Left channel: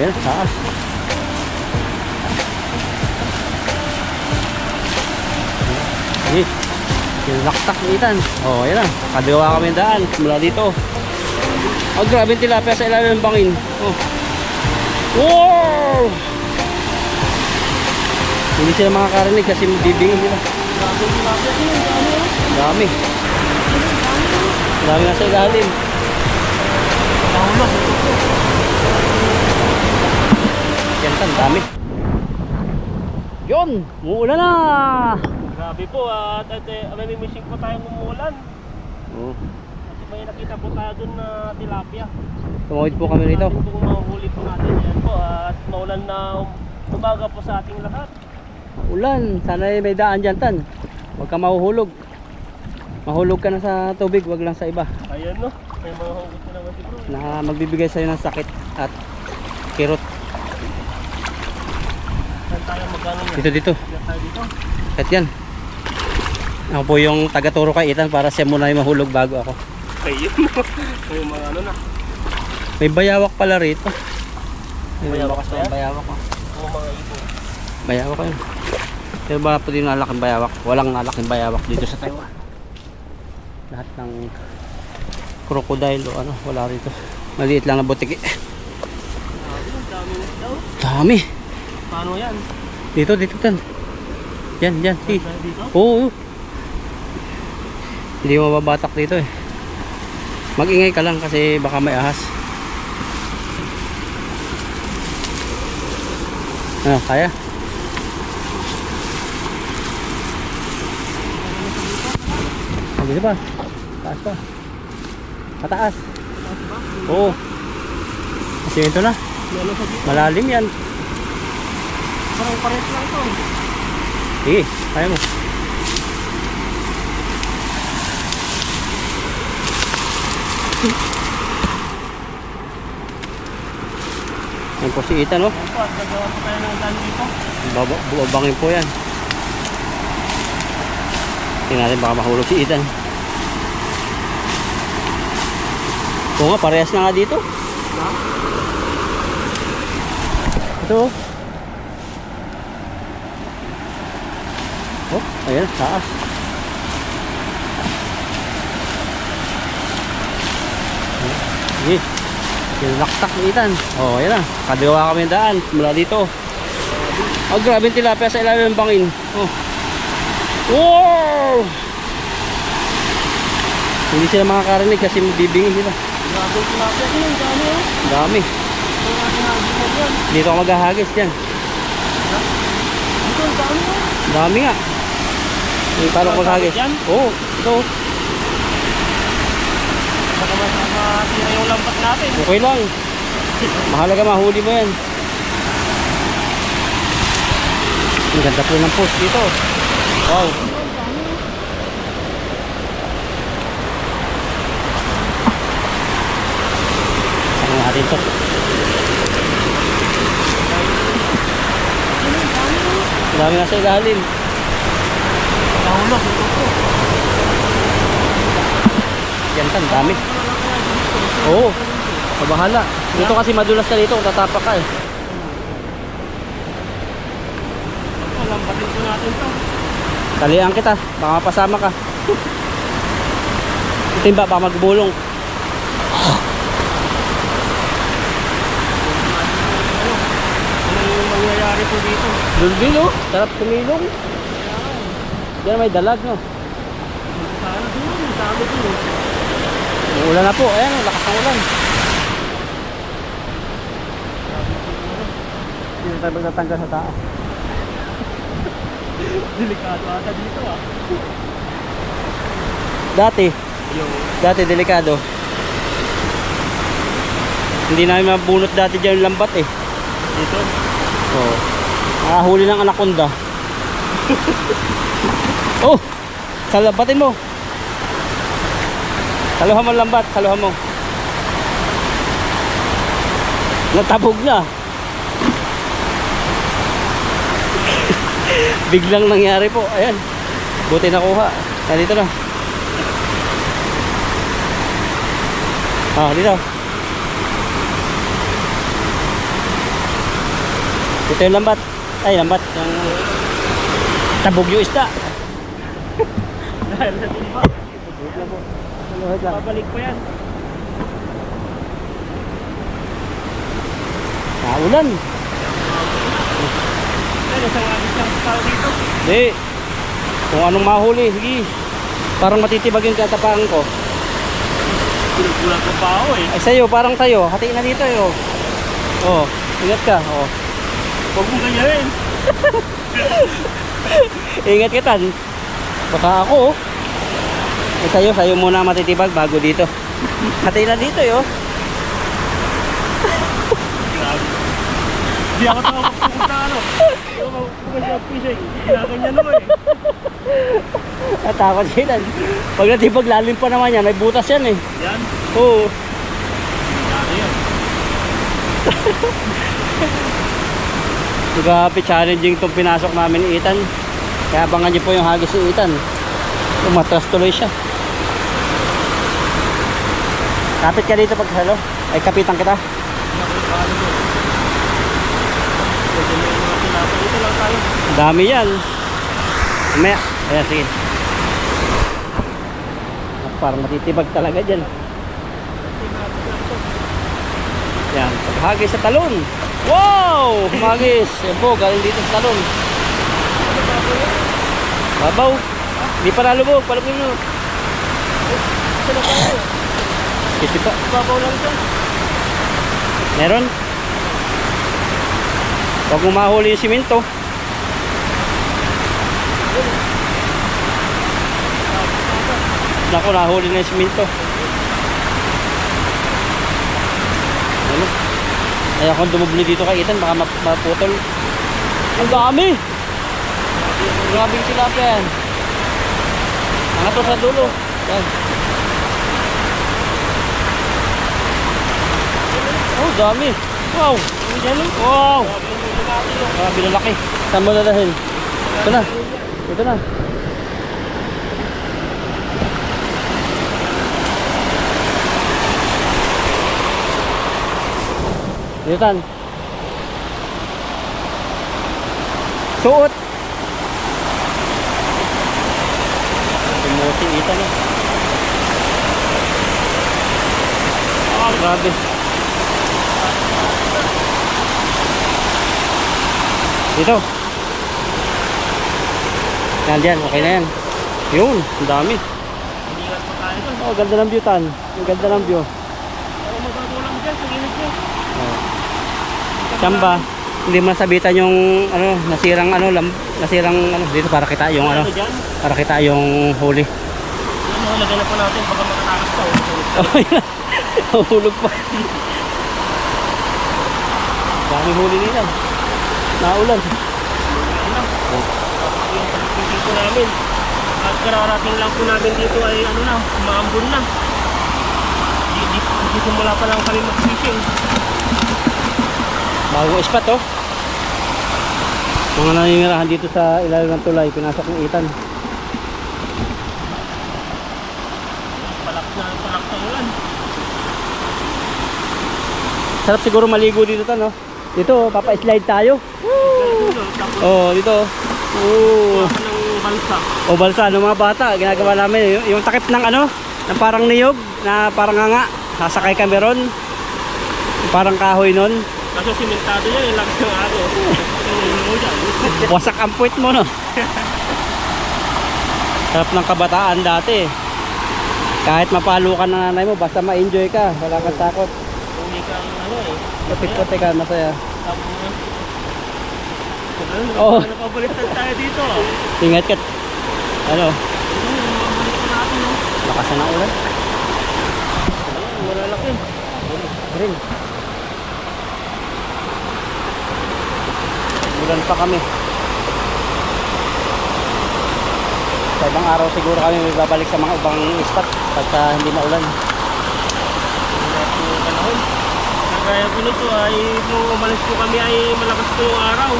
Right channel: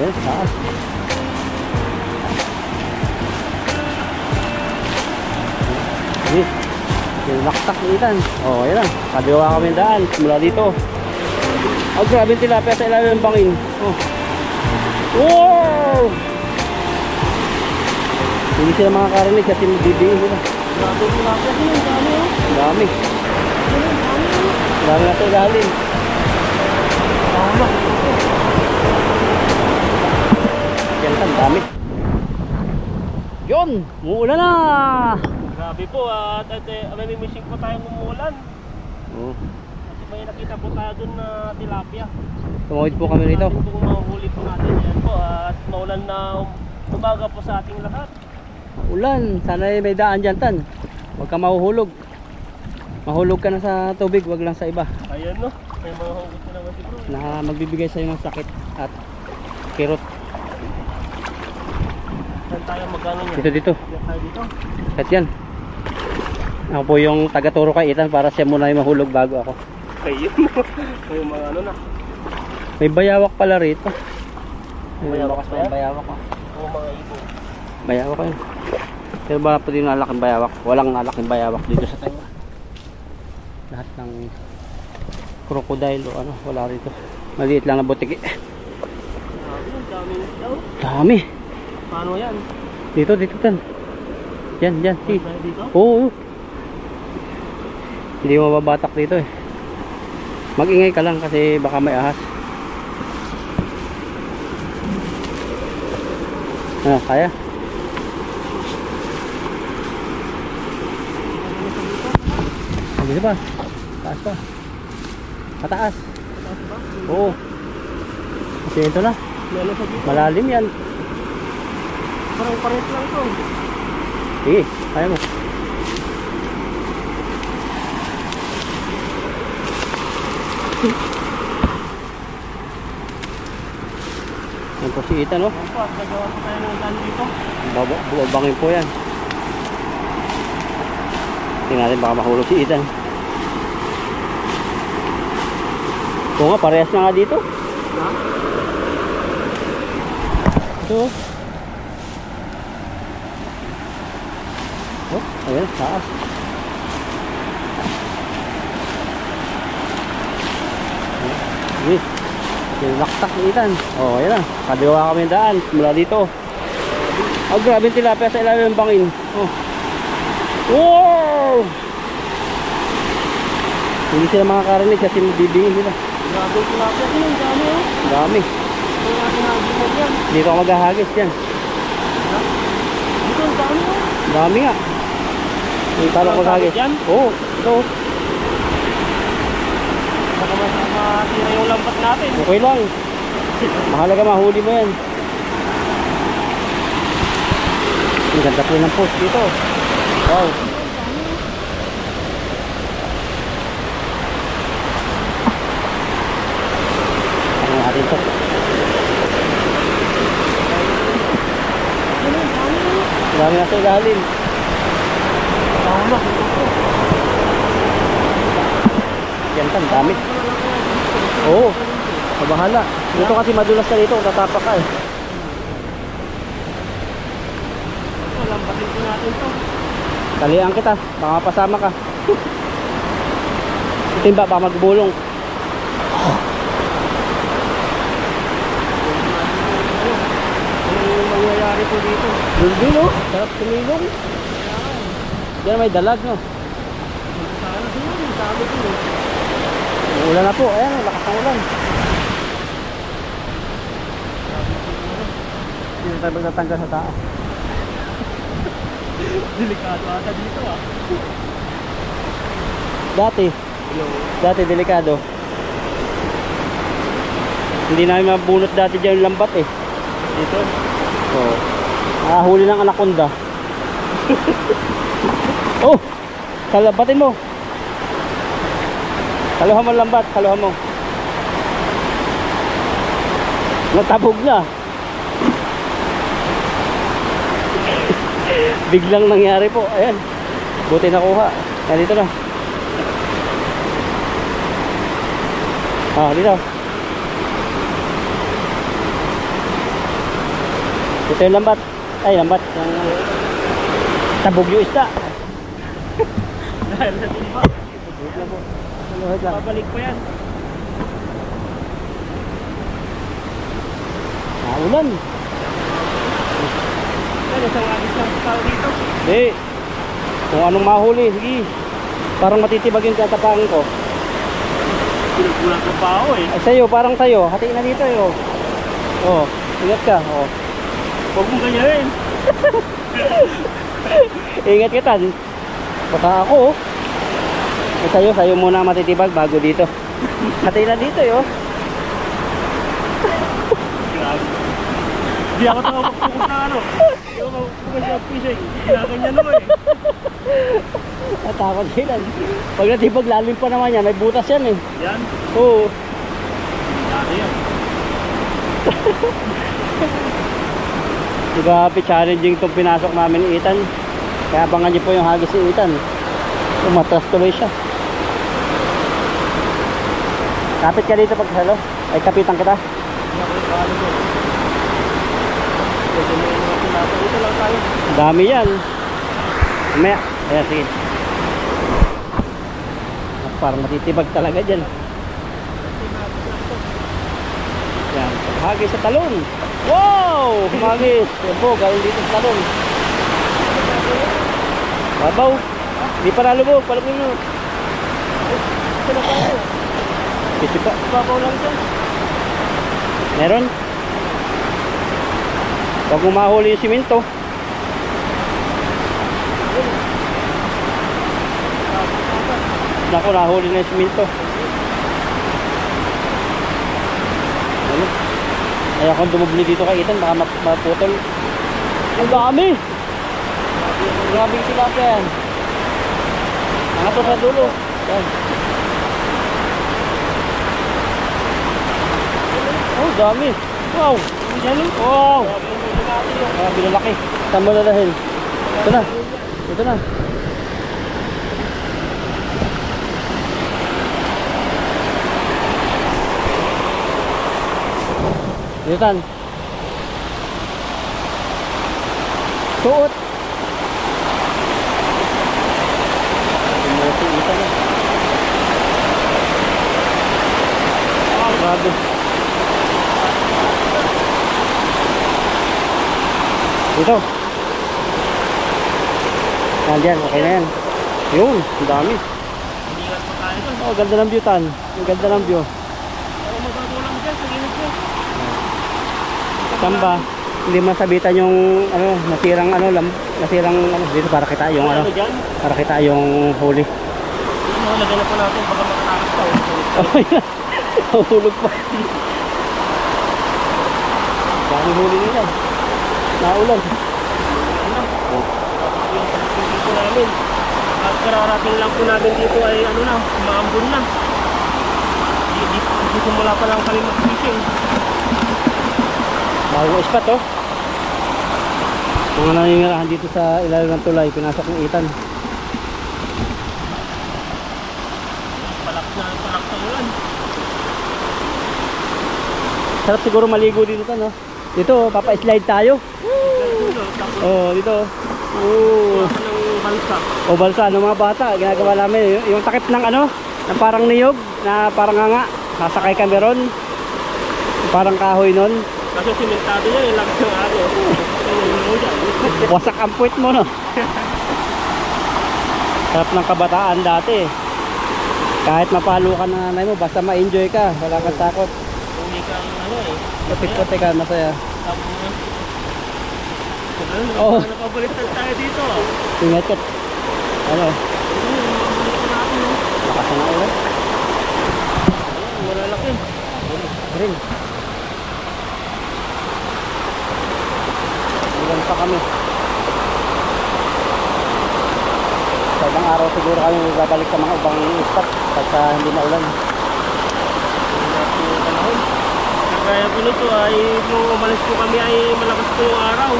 Ayan, taas. Ini, yung laktak ni Ethan. Oh, ayan na. Kadiwa kami daan mula dito. Oh, grabe yung tilapia sa ilalim ng bangin. Oh. Wow! Hindi sila makakarinig kasi bibingin nila. Grabe yung tilapia din. Dami. Dami na sa ilalim. Yan, ang dami. Yun! Muulan na! Grabe po at may missing po tayong umuulan. Oh. Kasi may nakita po tayo dun na tilapia. Tumawid po kami rito. Kung mahuhuli po natin yan po at maulan na umaga po sa ating lahat. Ulan, sana may daan dyan, Tan. Huwag ka mahuhulog. Mahulog ka na sa tubig, wag lang sa iba. Ayan no, may mga hugot na naman si bro. Na magbibigay sa'yo ng sakit at kirot. Saan tayo magkano niya? Dito. Diyan tayo dito. At yan. Ako po yung taga-turo kay Ethan para siya muna yung mahulog bago ako. Ayun may mga ano na. May bayawak pala rito. Bayawak ba yan? Bayawak ko. O mga ibon. Bayawak ko yun. Pero ba po din nalaking bayawak? Walang nalaking bayawak dito sa Taiwan. Lahat ng crocodile o ano, wala rito. Maliit lang na butiki. Grabe, ang daming daw. Dami. Paano yan? Dito, Tan. Yan, si. Tayo dito? Oo. Hindi mo mababatak dito eh. Mag-ingay ka lang kasi baka may ahas. Ano, kaya? Dito pa. Taas pa. Pataas. Taas ba? Oo. Kasi ito na. Meron sa dito. Malalim yan. Parang pares lang to. Sige, kaya mo. Yan po si Ethan, no? Ayan po at gagawa po tayo ng daan dito. Bubangin po yan. Tingnan natin baka mahulog si Ethan. Oo nga, parehas na nga dito. Ha? Ito. Oh, ayan, taas. Sige. Yung laktak ni Ethan. Oh, ayan na. Kadiwa kami daan mula dito. Oh, grabe yung tilapia sa ilalim ng bangin. Oh. Wow! Hindi sila makakarinig kasi bibingin nila. Grabe yung tilapia din. Ang dami oh. Dami. Ang ating hagis yan. Dito ako maghahagis yan. Dito ang dami oh. Dami nga. Dito ako maghahagis. Yan? Oo, ito. Baka matira yung lambat natin. Okay lang. Mahalaga mahuli mo yan. Ang ganda po ng post dito. Wow. Saan natin ito? Dami na sa ilalim. Yan kan, dami. Oo. Mabahala. Dito kasi madulas na dito. Tatapak ka eh. Lambatin po natin to. Talian kita. Baka mapasama ka. Timba, baka magbulong. Ano yung mangyayari po dito? Dulbil oh. Sarap tumilong. Diyan may dalag no. Sana doon. Ang dami doon. Ulan na po. Ayan, lakas ng ulan. Hindi tayo magtatanggal sa taas. Delikado ata dito ah. Dati delikado. Hindi namin mabunot dati dyan yung lambat eh. Dito? Oo. Nakahuli ng anaconda. Oh! Salabatin mo. Saluhan mo lambat, saluhan mo. Natabog na. Biglang nangyari po. Ayan. Buti nakuha. Dito na. Ah, dito. Ito yung lambat. Ay, lambat. Yung tabog yung isda. Dahil sa timba. Wait lang. Babalik pa yan. Ulan. Yan, isang agis lang sa tao dito. Hindi. Kung anong mahuli, sige. Parang matitibag yung tatapakan ko. Kulang ko pa ako eh. Ay, sa'yo, parang sa'yo. Hatiin na dito, eh. Oh, ingat ka. Oh. Huwag mong ganyan. Ingat kita. Baka ako, oh. Ay, sa'yo muna matitibag bago dito. Hatiin na dito, eh. Oh. Hindi ako makapagpukot na ano. Hindi ako makapagpukot sa fishing. Ginaganyan naman eh. Natakot sila. Pag natibag, lalim pa naman yan. May butas yan, eh. Yan. Oo. Ano yan? Grabe challenging itong pinasok namin ni Ethan. Kaya abangan niyo po yung hagis ni Ethan. Umatras tuloy siya. Kapit ka dito pagsalo. Ay, kapitan kita. Hindi ako ipalo mo. Pwede na yung mga pinasa. Dito lang tayo. Dami yan. Maya. Ayan, sige. Parang matitibag talaga dyan. Yan. Hagis sa talon. Wow! Hagis. Yan po, galing dito sa talon. Babaw. Hindi pa nalubog. Palagay nyo. Ito na tayo. Ito pa. Babaw lang dyan. Meron. Huwag mo mahuli yung simento. Naku, nahuli na yung simento. Ano? Ayaw kong dumubli dito kay Ethan, baka maputol. Ang dami! Grabing tilapia yan. Ano to sa dulo? Yan. Oh, dami! Wow! Wow! Grabe na laki. Saan mo lalahin? Ito na. Ito na. Ethan. Suot. Umuti Ethan. Oh, grabe. Dito. Yan dyan, okay na yan. Yun, ang dami. Ingat pa tayo doon. Oh, ganda ng view tan. Ang ganda ng view. Ako mababaw lang dyan sa gilid nyo. Saan ba? Hindi masabitan yung ano, nasirang dito para kita yung ano, dyan? para kita yung huli. Ano, lagyan na po natin baka makatakas pa. Hulog pa. Dami huli nila. Naulan. Yung pagpipil po namin. At kararating lang po namin dito ay ano na, maambon na. Di simula pa lang kami mag-fishing. Bagong spot oh. Mga nangyayarahan dito sa ilalim ng tulay, pinasok ng Ethan. Palak na ulan. Sarap siguro maligo dito tan no. Dito, papa-slide tayo. Oh, dito. Oh. Ng balsa. O balsa ng mga bata, ginagawa namin yung takip ng ano, na parang niyog, na parang nga, sasakay kami ron. Parang kahoy nun. Kasi simentado niya, yung lakas ng araw. Wasak ang puwit mo no. Sarap ng kabataan dati. Kahit mapalo ka ng nanay mo, basta ma-enjoy ka, wala kang takot. Hindi ka ano eh. Puti-puti ka, masaya. Oo. Napabaliktad tayo dito. Ingat ka. Ano? Napabaliktad natin. Lakas na ulan. Malalaki. Rin. Ulan pa kami. Sa ibang araw siguro kami babalik sa mga ibang spot pagka hindi na ulan. Kaya po nito ay nung umalis po kami ay malakas po yung araw.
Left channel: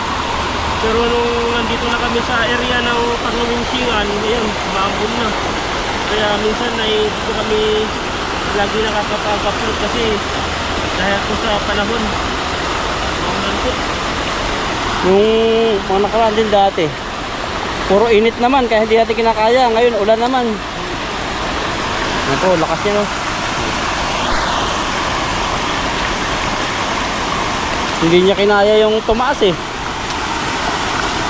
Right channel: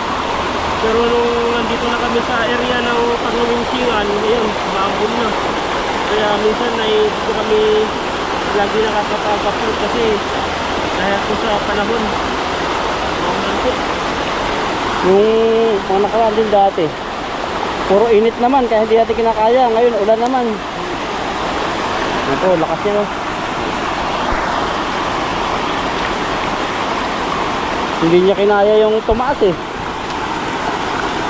Pero nung nandito na kami sa area ng Pagluminsingan, ayun, maambon na. Kaya minsan ay dito kami lagi nakakapag-upload kasi dahil po sa panahon. Maulan po. Yung mga nakaraan din dati, puro init naman kaya hindi natin kinakaya. Ngayon ulan naman. Yan po, lakas niya, no? Hindi niya kinaya yung tumaas eh.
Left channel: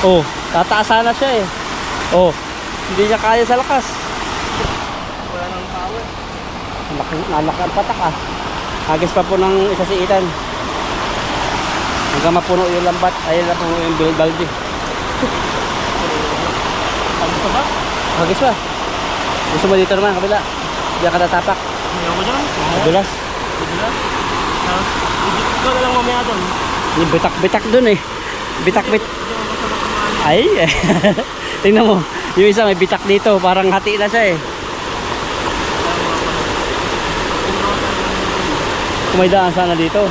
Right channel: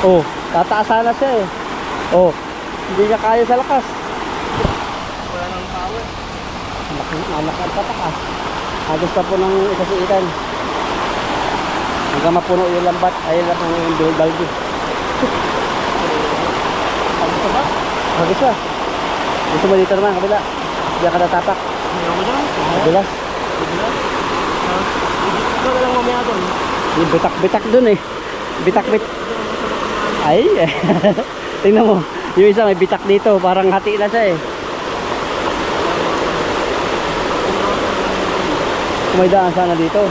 Oh, tataasa na siya eh. Oh, hindi niya kaya sa lakas. Wala nang power. Nalak ang patak ah. Hagis pa po ng isa si Ethan. Hanggang mapuno yung lambat. Ayun lang po yung balde. Ano pa ba? Hagis pa. Gusto mo dito naman, kabila. Diyan ka natapak. Ayaw ko dyan. Madulas. Madulas. Ikaw na lang mamaya doon. Yung bitak-bitak dun eh. Bitak-bit. Ay. Tingnan mo. Yung isa may bitak dito. Parang hati na siya eh. Kung may daan sana dito.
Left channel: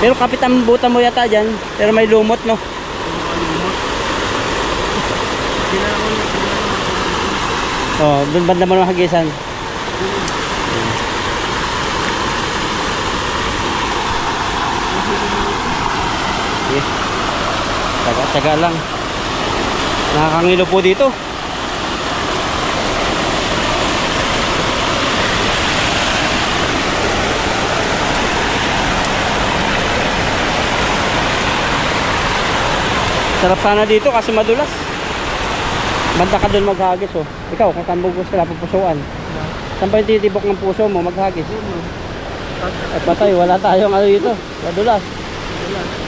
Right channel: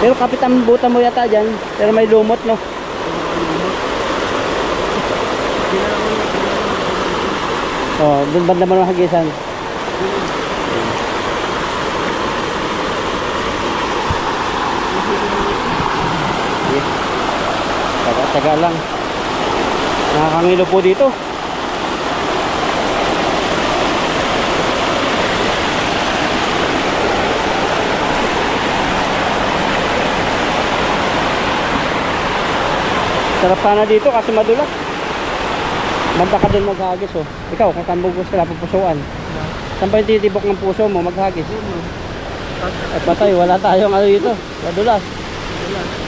Pero kapitan butan mo yata dyan. Pero may lumot no. Oh, dun banda mo ng hagisan. Taga lang. Nakakangilo po dito. Sarap sana dito kasi madulas. Banda ka dun maghagis oh. Ikaw kung saan mo gusto na pupusuan. Saan ba yung titibok ng puso mo maghagis? At patay, wala tayong ano dito. Madulas.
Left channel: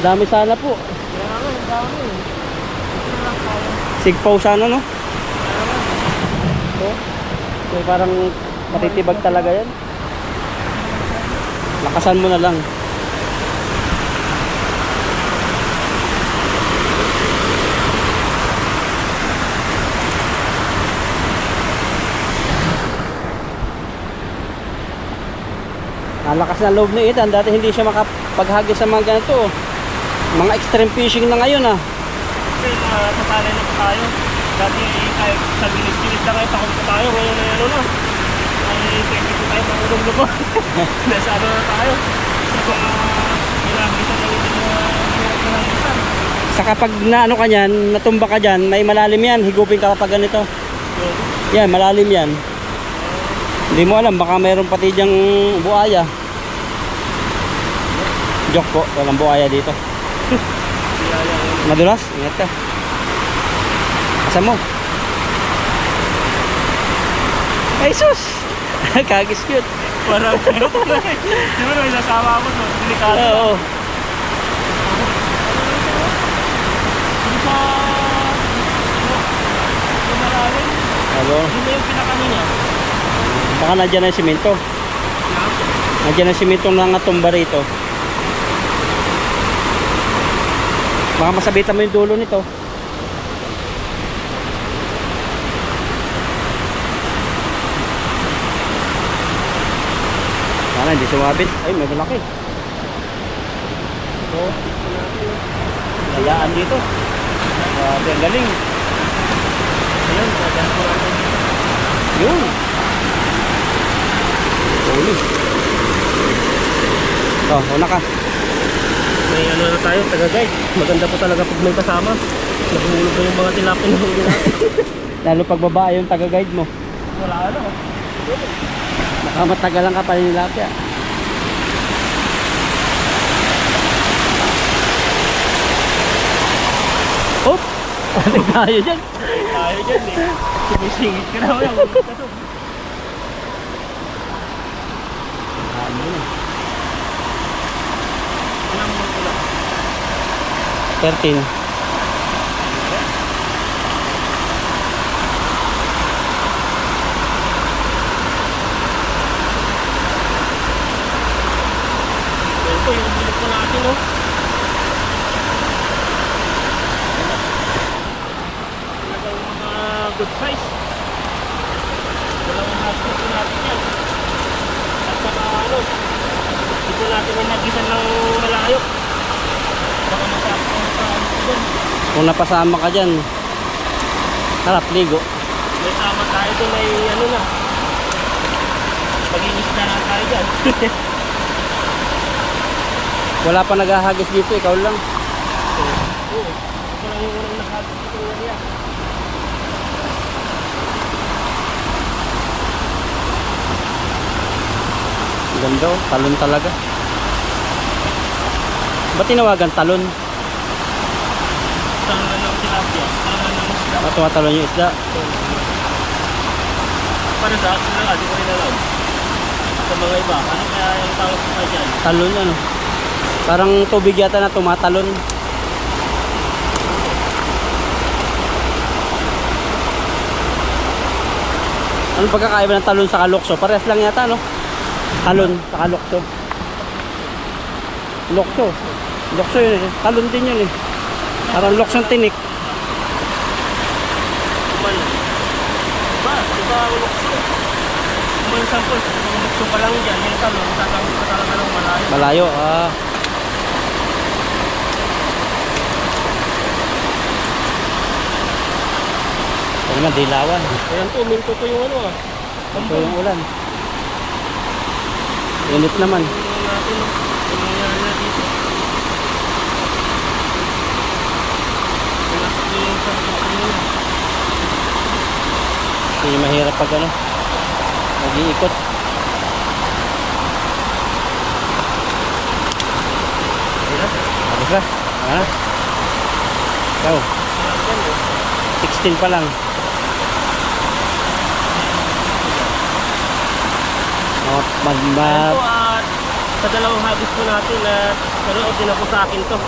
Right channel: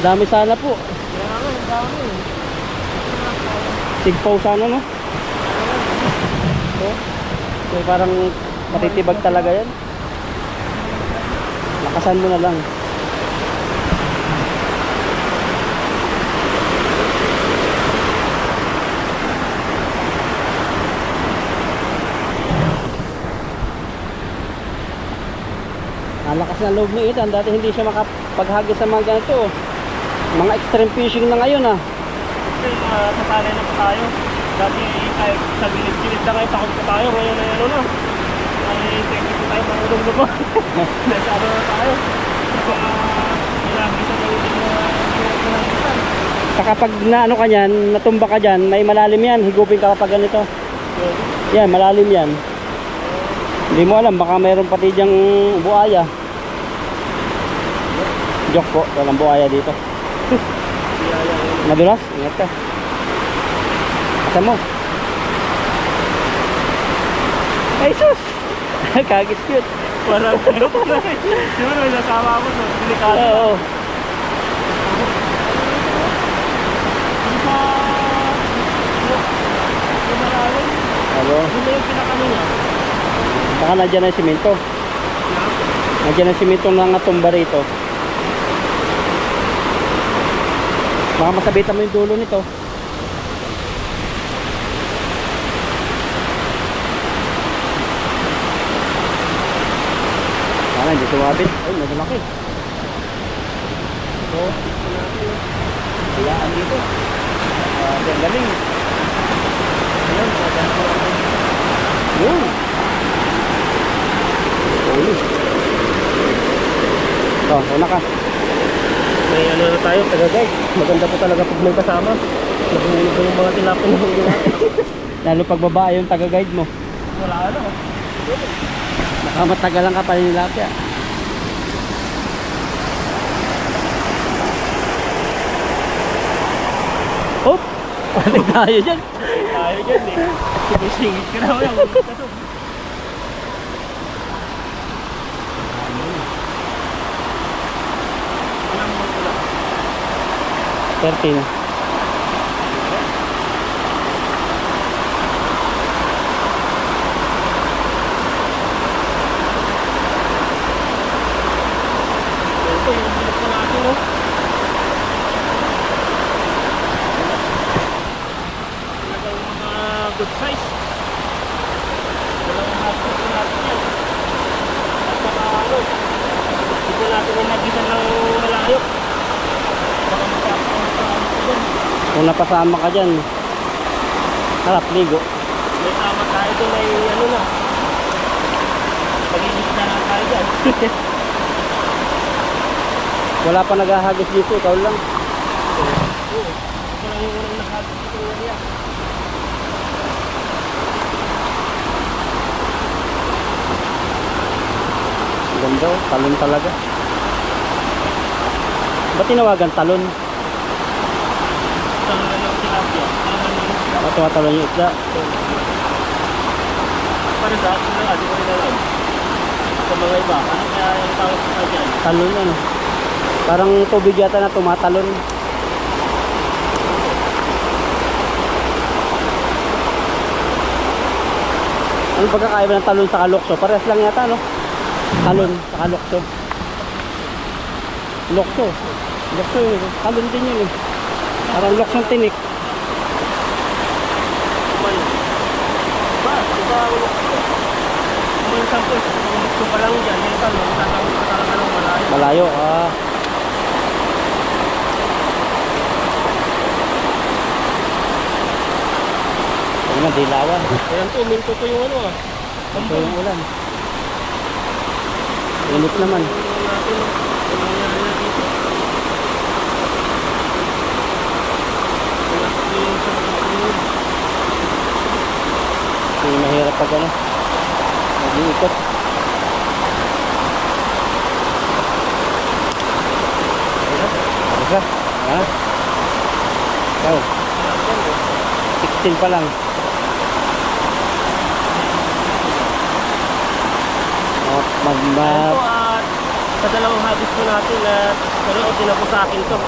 Dami sana po. Sigpaw sana no? So parang matitibag talaga yan. Lakasan mo na lang. Nalakas na loob ni Ethan. Dati hindi siya makapaghagis sa mga ganito. Mga extreme fishing na ngayon ah. Kasi sasanay na po tayo. Dati kahit sa gilid-gilid na kayo, takot po tayo. Ngayon na ano na. Ay pwede po tayo mangulong lubo. Nasa ano na tayo. Sa mga ilagisan na hindi na hinagisan. Sa kapag na ano ka nyan, natumba ka dyan, may malalim yan. Higupin ka kapag ganito. Yan, malalim yan. Hindi mo alam, baka mayroon pati dyang buaya. Joke po, walang buaya dito. Madulas, ingat ka. Asa mo? Ay sus! Kagis cute. Parang ano ko na eh. Di ba may nasama ako no? Delikado na. Oo. Yung sa... Yung malalim. Hello. Yun na yung pinakano niya. Baka nandiyan na yung simento. Nandiyan na yung simento na natumba rito. Baka masabitan mo yung dulo nito. Hindi sumabit. Ay, medyo laki. So, hayaan dito. Ang galing. Ayun, sadyan ko natin. Yun. Ulo. Oh, una ka. May ano na tayo, taga-guide. Maganda po talaga pag may kasama. Nahulog ko yung mga tilapin na huli natin. Lalo pag babae yung taga-guide mo. Wala ano. Nakamatagal ka pa rin tilapia. Hop! Ano tayo dyan? Tayo dyan eh. Sumisingit ka na mo yan. Hulog ka to. Ilang mo pula? 13. Ito yung bulok po natin oh. Talagang mga good size. Dalawang hapon po natin yan. At saka ano, hindi po natin inagisan ng malayo. Baka masakang sa ano po dun. Kung napasama ka dyan, harap ligo. May tama tayo dun ay ano na. Pag-inis na lang tayo dyan. Wala pa naghahagis dito, ikaw lang. Oo. Ito lang yung unang nakagod dito ng area. Ganda oh, talon talaga. Ba't tinawagan talon? Talon na ng tilapia. Talon na ng isda. Ba't tumatalon yung isda? Para sa akin lang, di ko rin alam. Sa mga iba, ano kaya yung tawag ko pa dyan? Talon ano? Parang tubig yata na tumatalon. Anong pagkakaiba ng talon sa kalokso? Parehas lang yata no? Talon sa kalokso. Lokso. Lokso yun eh. Talon din yun eh. Parang loksong tinik. Kuman. Diba ulok ko? Kuman sample, ulok ko pa lang dyan. Yung talon, tatawag pa talaga ng malayo. Malayo ah. Ano na, dilawan. Ayan to, minto ko yung ano ah. Ito yung ulan. Init naman. Tingnan natin ang nangyari na dito. Wala ko yung sa pagkakulog. Hindi mahirap pag ano. Mag-iikot. Ano ka? Ha? Ikaw. 16 pa lang. Ayan po at sa dalawang habis po natin at nanood din ako sa akin to.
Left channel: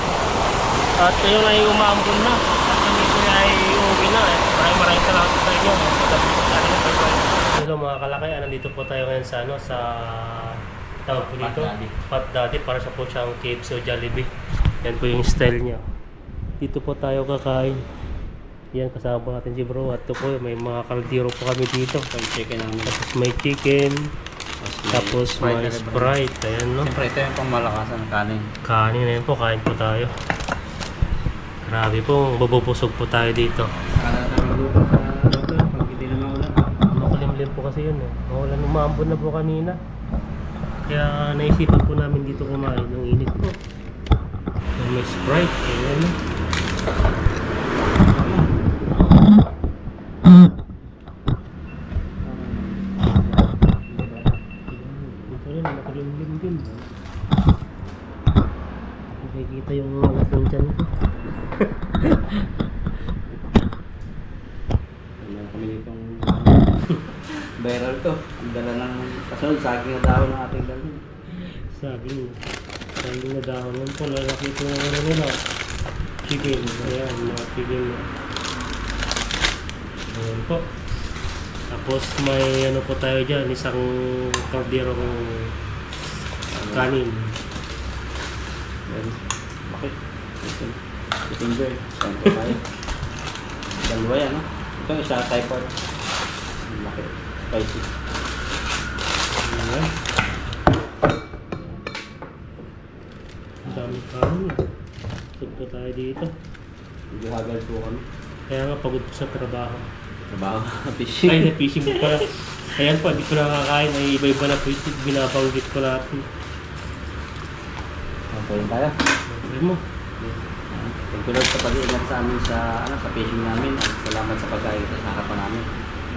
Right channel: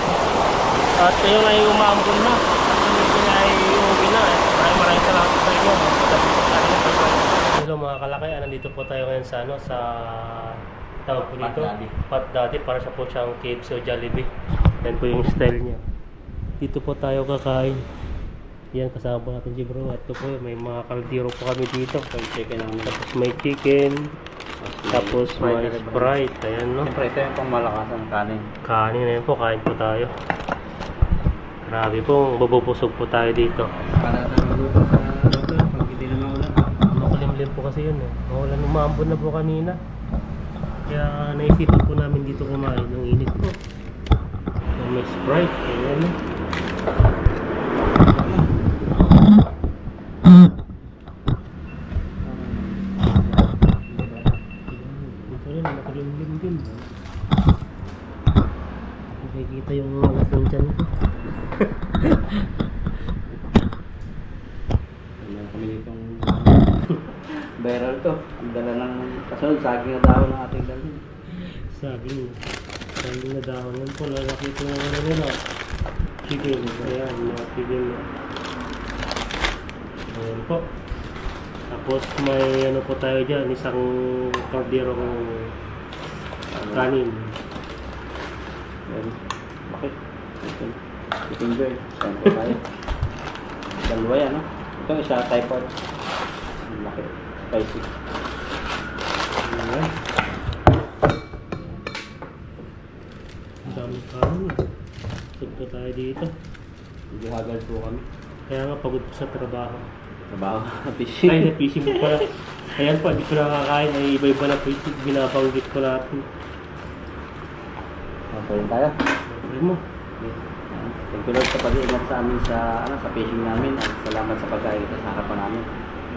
At kayo na ay umaambon na. At kami po ay uuwi na. Maraming salamat sa inyo. Hello mga kalakay, nandito po tayo ngayon sa ano, sa tawag po dito, Pat Daddy, para sa po siyang KFC o Jollibee. Yan po yung style niya. Dito po tayo kakain. Yan, kasama po natin si bro. At ito po, may mga kaldero po kami dito. Tapos may chicken. Tapos may Sprite. Ayan no. Siyempre ito yung pangmalakasan ng kanin. Kanin na yun po, kain po tayo. Grabe po, bubusog po tayo dito. Para namin luto sa luto pag hindi naman ulan. Makulimlim po kasi yun eh. Maulan, umambon na po kanina. Kaya naisipan po namin dito kumain ng init po. May Sprite. Ayan no. Makulimlim din. Nakikita yung mga puncan ko. Meron kami ditong viral to. Ang dala ng kasunod, saging na dahon ng ating dalhin. Saging na dahon yan po. Lalaki ito na ano nila. Chicken. Ayan, mga chicken. Ayan po. Tapos may ano po tayo dyan. Isang kaldero kong kanin. Ayan. Bakit? Ito. Enjoy. Saan po tayo? Dalawa yan, no? Ito isa typhoid. Ang laki. Spicy. Ayan. Ang dami kanin. Sugpo tayo dito. Medyo hagal po kami. Kaya nga pagod po sa trabaho. Trabaho. Fishing. Ay, na fishing po pala. Ayan po, hindi ko nakakain. Ay iba-iba na po yung binabanggit ko natin. Pwede tayo. Okay mo. Thank you Lord sa pag-iingat sa amin sa fishing namin. At salamat sa pagkain sa harapan namin.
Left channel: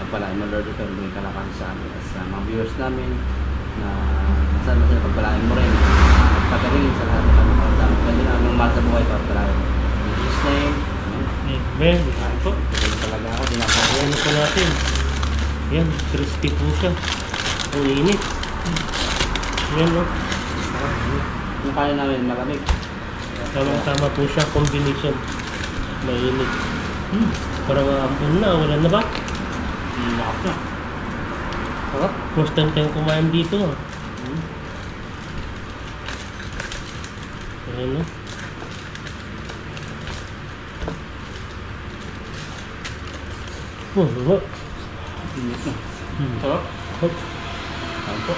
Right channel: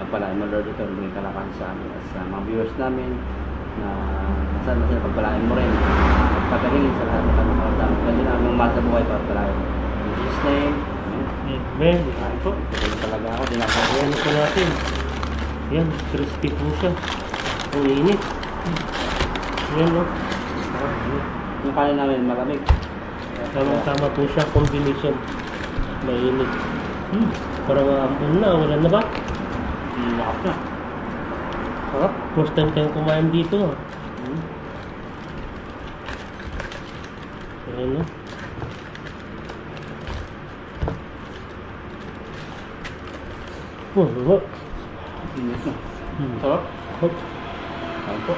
Pagpalain mo Lord ito, maging kalakasan sa amin. At sa mga viewers namin na saan sila pagpalain mo rin. At pagkalingin sa lahat ng pagpapalain. Pwede na aming mahal sa buhay pagpalain. In Jesus' name. Amen. Amen. Ayan po. Pwede talaga ako. Dinakasin. Ano po natin? Ayan, crispy po siya. Ang init. Ayan no. Yung kanin namin malamig. Tama po siya, combination. Mainit. Parang aambon na, wala na ba? Lakap na. Sarap. First time tayong kumain dito. Ayan no. Wala. Init na. Sarap. Hop. Saan po?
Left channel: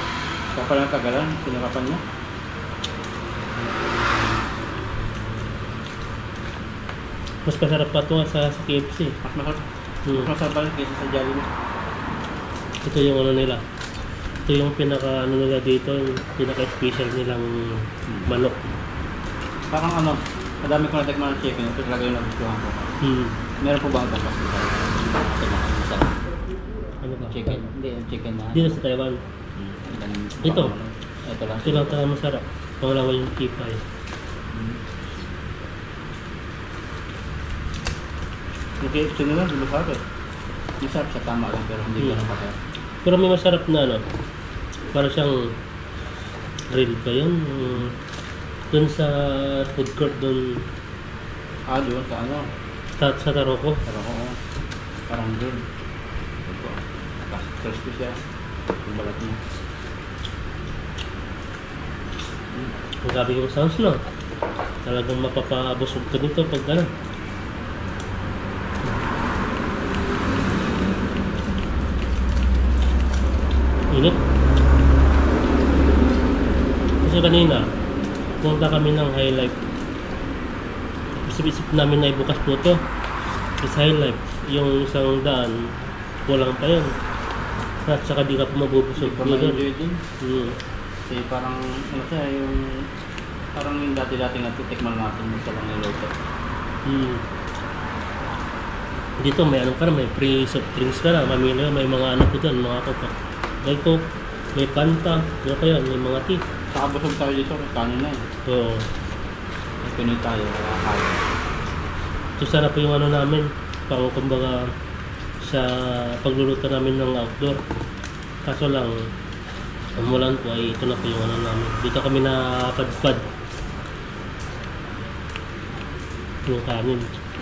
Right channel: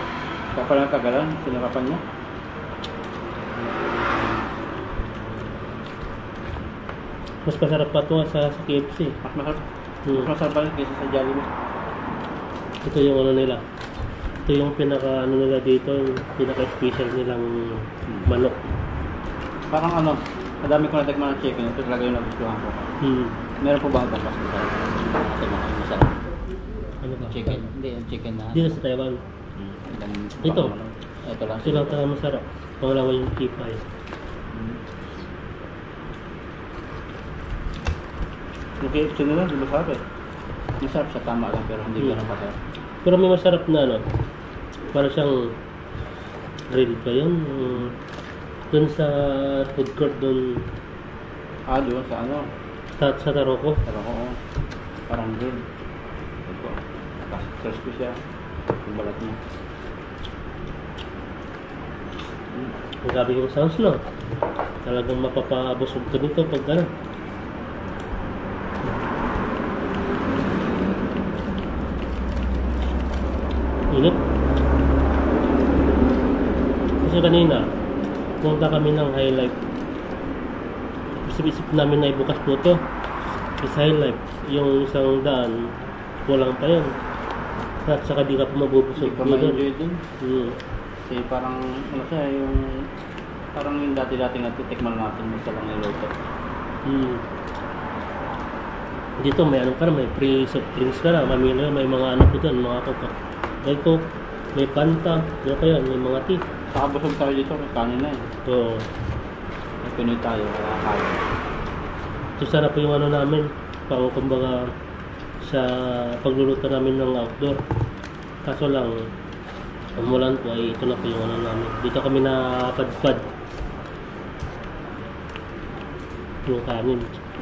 Kapal ang kagalan. Sinakapan niya. Mas masarap pa ito sa KFC. Mas masarap. Mas masarap pa rin kaysa sa Jollibee. Ito yung ano nila. Ito yung pinaka ano nila dito, yung pinaka special nilang manok. Parang ano, Madami ko natikman ng chicken. Ito talaga yung nagustuhan ko. Meron po ba ang bangkas dito? Tingnan ko masarap. Ano ba? Chicken. Hindi, yung chicken na. Dito sa Taiwan. Ito. Ito lang. Ito lang talaga masarap. Pangalawa yung kipay. Yung KFC nila, di ba sabi? Masarap sa tama lang pero hindi ganun pa. Pero may masarap na ano. Para siyang grill ba yun? Doon sa food court doon Doon sa ano? sa Taroko. Pero oo. Parang grill. Ito. Crispy siya. Yung balat niya. Ang gabi yung sounds no. Talagang mapapabusog ka nito pag ano. Init. Kasi kanina, punta kami ng High Life. Isip-isip namin na ibukas po ito. Is High Life. Yung isang daan, kulang pa yun. At saka di ka pa mabubusog. Hindi pa ma-enjoy din. Kasi parang, ano siya, yung parang yung dati-dati natitikman natin sa lang niloto. Dito may ano ka na, may free soft drinks ka na, mamili ka, may mga ano po dyan, mga coke. May coke, may Fanta, ano kaya, may mga tea. Saka busog tayo dito, kanin na eh. So, May Pinoy tayo, wala kaya. so sana po yung ano namin, pang kumbaga sa pagluluto namin ng outdoor. Kaso lang, umulan po ay ito na po yung ano namin. Dito kami napadpad. Yung kanin.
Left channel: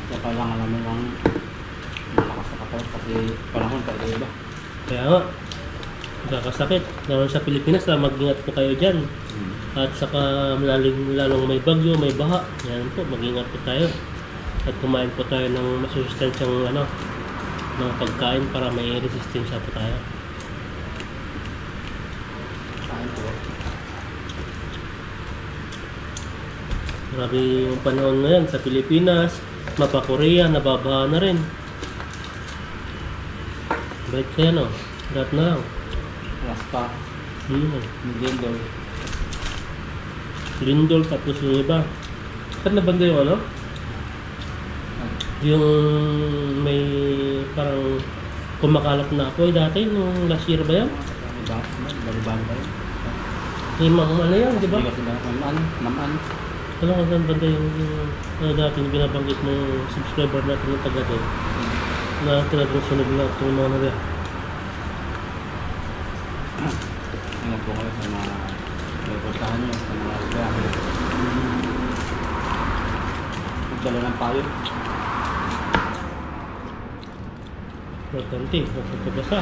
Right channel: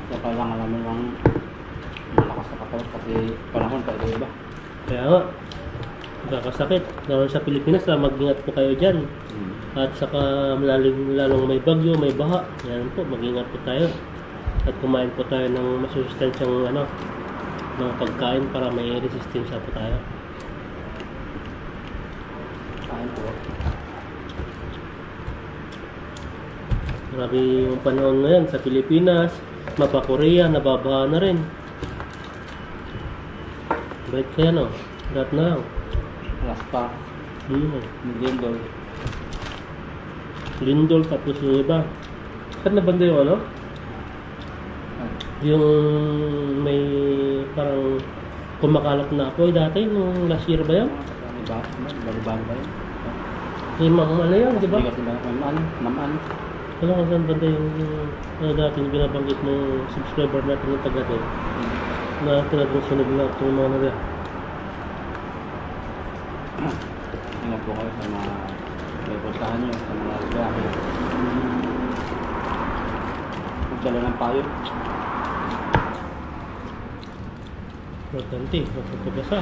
So kailangan namin lang malakas na katawan kasi panahon pa iba. Kaya nga, magkakasakit. Naman sa Pilipinas, mag-ingat po kayo dyan. At saka lalong may bagyo, may baha. Yan po, mag-ingat po tayo. At kumain po tayo ng masusustansyang ano, ng pagkain para may resistensya po tayo. Kain po. Grabe yung panahon ngayon sa Pilipinas, mapa Korea, nababaha na rin. Baik kaya no? Lahat na lang. Rasta, Lindol. Lindol tapos yung iba. Saan na banda yung ano? Yung may parang kumakalat na apoy dati nung last year ba yan? Balibang ba yun? Yung mga ano yan, di ba? Hindi kasi naman. Ano kung saan banda yung ano dati yung binabanggit ng subscriber natin ng taga doon na talagang sunog na itong mga naga. Ingat po kayo sa mga may puntahan nyo, sa mga lugar. Magdala ng payo. Importante, magpapabasa.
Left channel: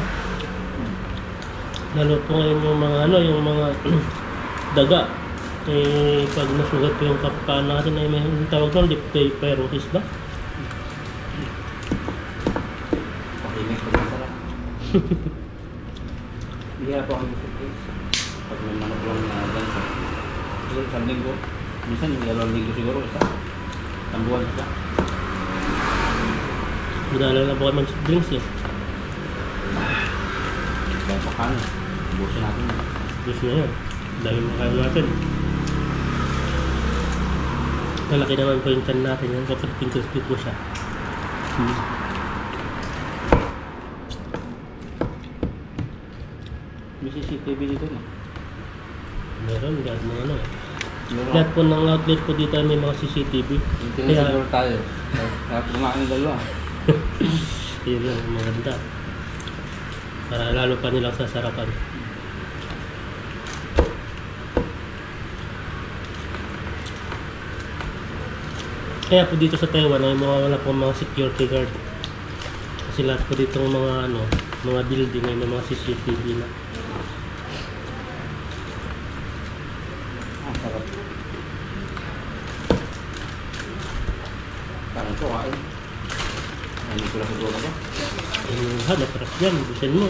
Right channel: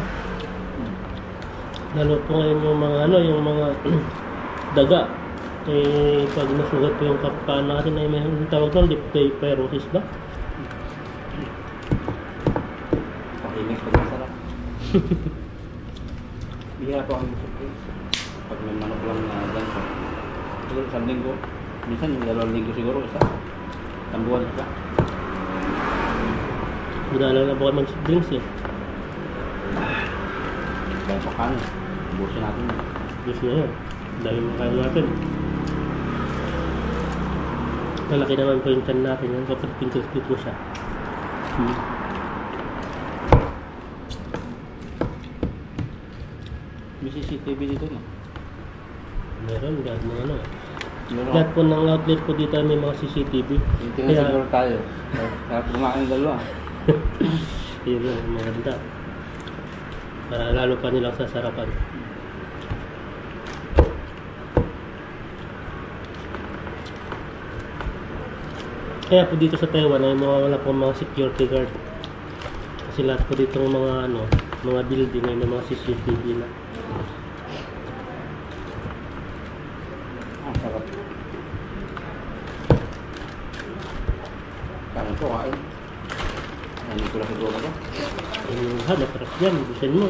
Lalo po ngayon yung mga ano, yung mga daga. Eh, pag nasugat po yung kapaan natin ay may tawag doon, dipterosis ba? Pakimik pag masarap. Bihira po ang surprise. Pag may manok lang na ganito. Siguro isang linggo. Minsan yung 2 linggo siguro isa. Tambuhan siya. Madala na po kami mag-drinks eh. Dahil pa kanin. Busin natin. Diyos na yun. Dahil makain natin. Malaki naman po yung tiyan natin. Yan po, crispy po siya. May CCTV dito na. Meron, lahat ng ano eh. Meron. Lahat po ng outlet po dito ay may mga CCTV. Tingnan siguro tayo. Kaya kumain ng dalawa. Yun lang, maganda. Para lalo pa nilang sasarapan. Kaya po dito sa Taiwan ay wala po mga security guard. Kasi lahat po dito mga ano, mga building ay may mga CCTV na. Sarap. Kain ko, kain. Hindi ko lang siguro ba? Yung masarap yan, busin mo.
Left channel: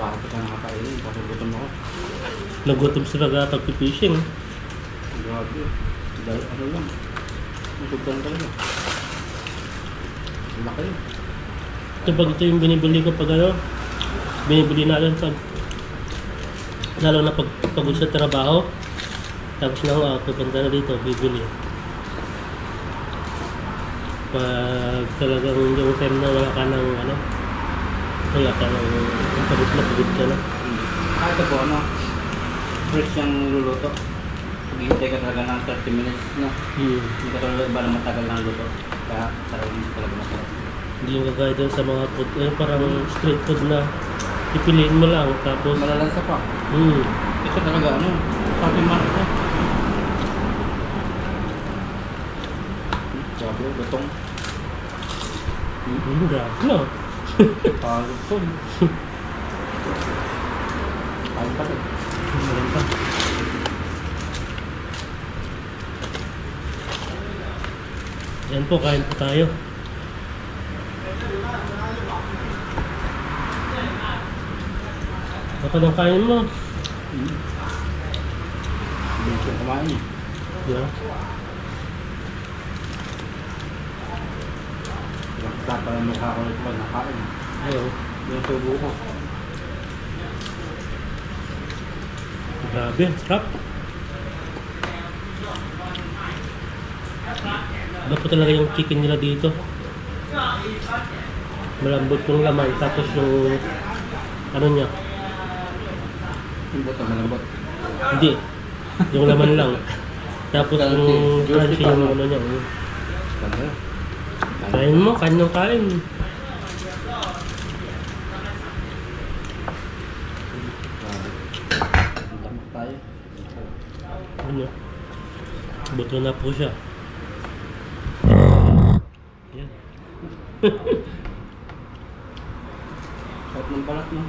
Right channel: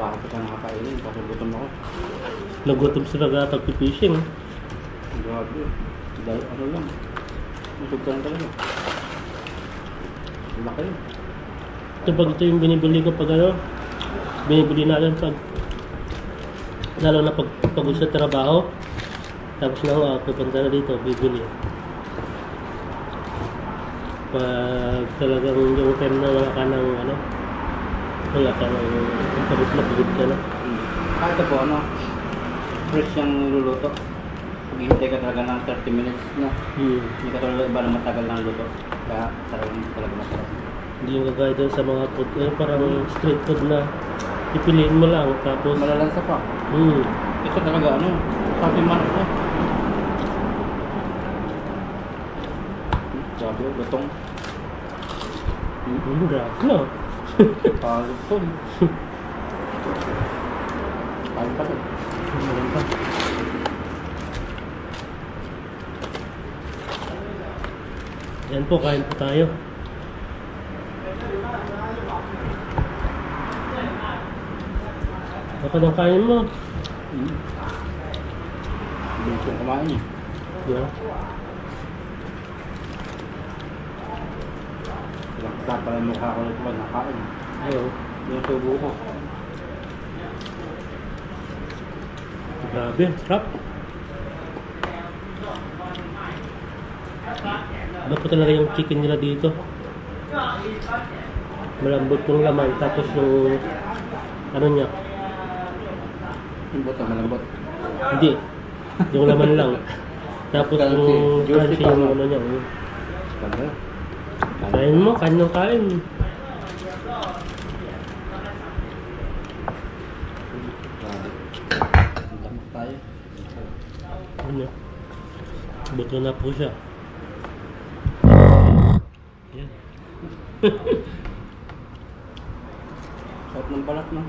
Bakit ka nakakainin? Kasi gutom ako. Nagutom sila pag-fishing. Grabe. Dahil ano lang. Busog ka lang talaga. Laki yun. Ito pag ito yung binibili ko pag ano, binibili natin pag lalo na pag pagod sa trabaho, tapos na pupunta na dito, bibili. Pag talagang yung time na wala ka ng ano, wala ka ng pagod na pagod ka na. Ito po, ano, fresh yung niluluto. Maghihintay ka talaga ng 30 minutes, no? Hindi ka talaga iba na matagal ng luto. Kaya talaga masarap. Hindi yung kagaya doon sa mga food, parang street food na pipiliin mo lang tapos Malalansa pa. hmm. Ito talaga, ano, sabi man ito. Sabi, lutong. Grabe no. Palutong. Kain pa rin. Meron pa. Yan po, kain po tayo. Baka nang kain mo. Bilis yung kumain eh. Yeah. Lahat pala mukha ko nito pag nakain. Ayaw. Yung tubo ko. Grabe, sarap. Iba po talaga yung chicken nila dito. Malambot yung laman, tapos yung ano niya, Yung buto malambot. hindi, yung laman lang. Tapos yung crunchy yung ano niya. Talaga. Kain mo, kain ng kain. Tamak tayo. Ano? Buto na po siya. Yan. Sarap ng balat, no?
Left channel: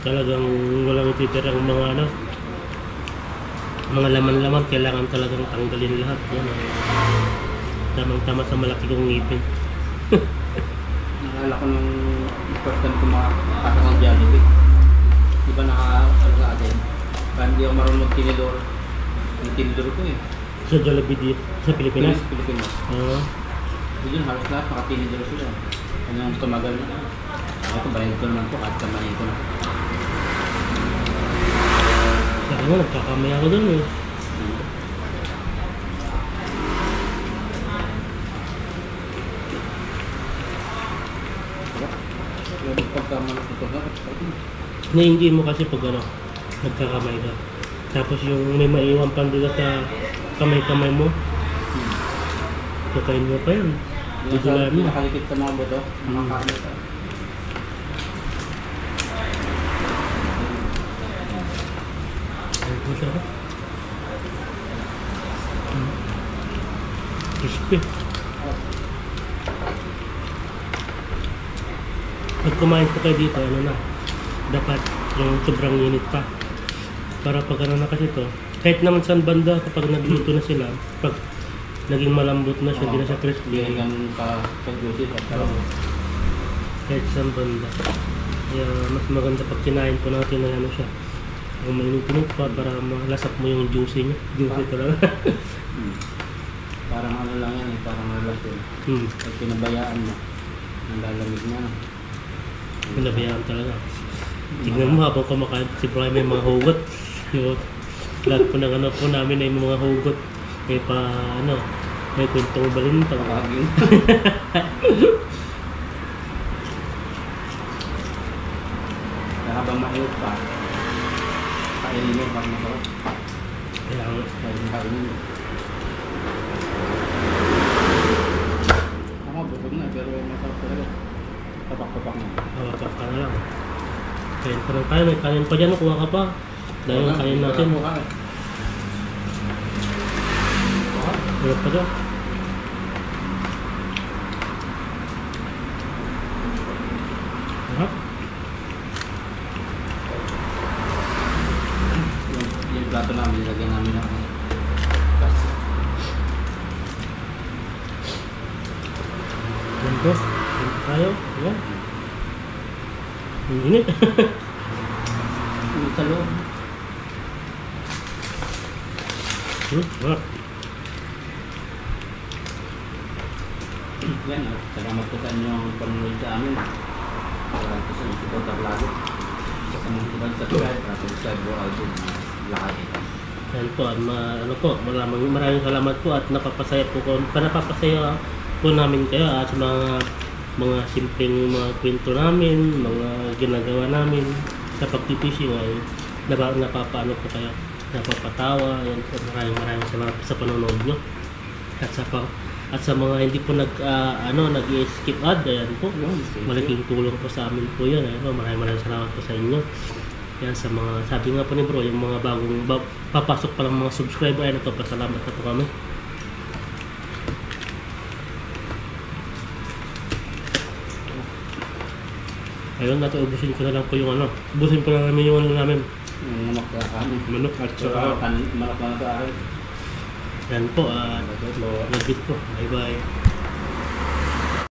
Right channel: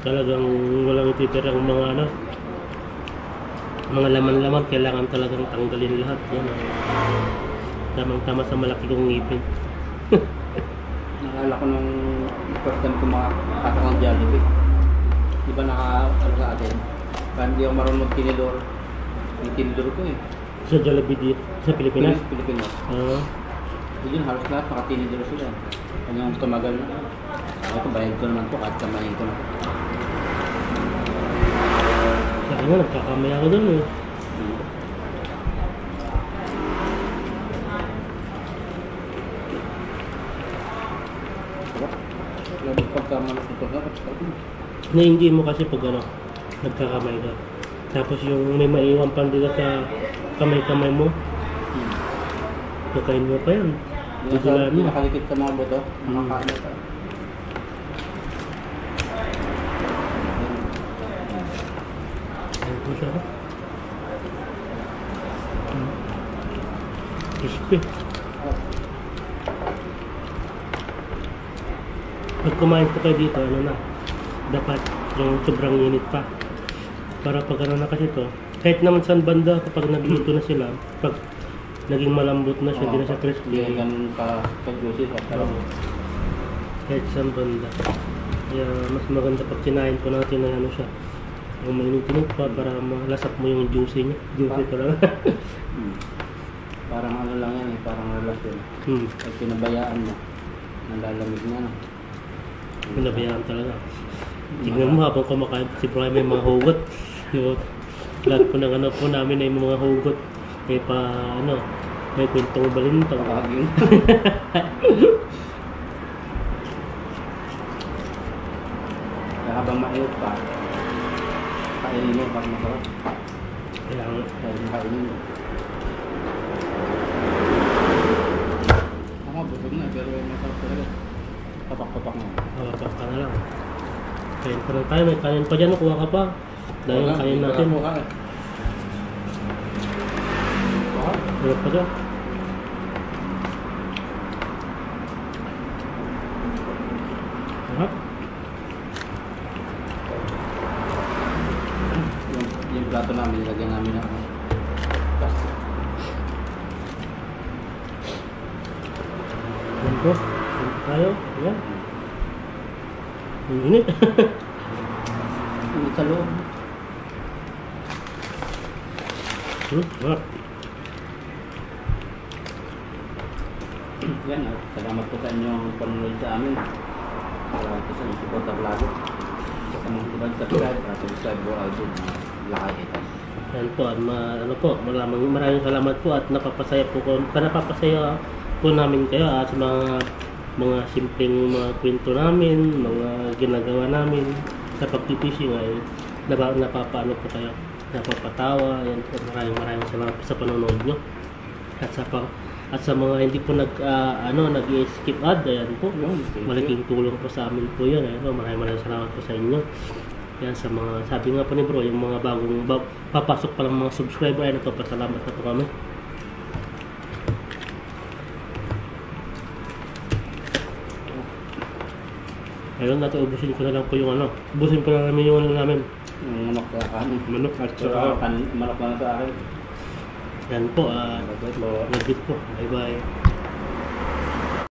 Talagang walang titirang mga ano, mga laman-laman, kailangan talagang tanggalin lahat. Yan, tamang-tama sa malaki kong ngipin. Naalala ko nung first time ko makakasang ng Jollibee. Di ba ano ka atin? Kaya hindi ako marunong magtinidor. Yung tinidor ko eh. Sa Jollibee dito, sa Pilipinas. Pilipinas. Yun, halos lahat nakatinidor sila. Hanggang tumagal na. Ito, bayad ko naman po kahit kamayin ko na. Sa akin nga, nagkakamay ako dun eh. Lalo pagkamalak ito na, Nainggit mo kasi pag ano, nagkakamay ka. Tapos yung may maiwan pang dito sa kamay-kamay mo, kakain mo pa yan. Biglaan mo. Nakalikit sa mga buto, nakakain ito. Ano po siya? Crispy. Pag kumain po kayo dito, ano na, dapat yung sobrang init pa. Para pag ano na kasi to, kahit naman saan banda kapag nagluto na sila, pag naging malambot na siya, hindi na siya crispy. Hindi na ganun ka-juicy. Kahit saan banda. Kaya mas maganda pag kinain po natin na ano siya. Yung mainit-init pa para malasap mo yung juicy niya. Juicy talaga. Parang ano lang yan eh, parang relasyon. Pag pinabayaan mo, nalalamig na. Pinabayaan talaga. Tignan mo habang kumakain si Brian may mga hugot. Yung lahat po ng ano po namin ay mga hugot. May pa ano, may kwentong balintang. Pagkagin. Kaya habang mainit pa, kainin mo pag masarap. Kailangan. Kainin mo. Ako, busog na, pero masarap talaga. Tapak-tapak na. Kapag ka na lang. Kain pa ng kain. May kanin pa dyan. Kuha ka pa. Dahil yung kain natin. Wala pa dyan. Sarap. Yung plato namin, nilagyan namin ng plastic. Yan po. Yan po tayo. Yan. Ang init. Init sa loob. Sarap. Yan, salamat po sa inyong panunod sa amin. Salamat po sa inyong support at vlog. Sa mga subscribe, subscribe po ako sa lahat ito. Yan po, ano po, maraming salamat po at napapasaya po namin kayo at sa mga simpleng mga kwento namin, mga ginagawa namin sa pagtitishing ay napapaano po kayo, napapatawa. Yan po, maraming salamat po sa panonood nyo. At sa mga hindi po nag-skip ad, ayan po, malaking tulong po sa amin po yun. Ayan po, maraming salamat po sa inyo. Yan sa mga, sabi nga po ni bro, yung mga papasok pa lang mga subscriber, ay nagpapasalamat na po kami. Ayun, ubusin ko na lang po yung ubusin pa lang namin yung namin. Yung manok na kami. Manok at saka Manok na sa akin. yan po, nag-git po. Bye bye.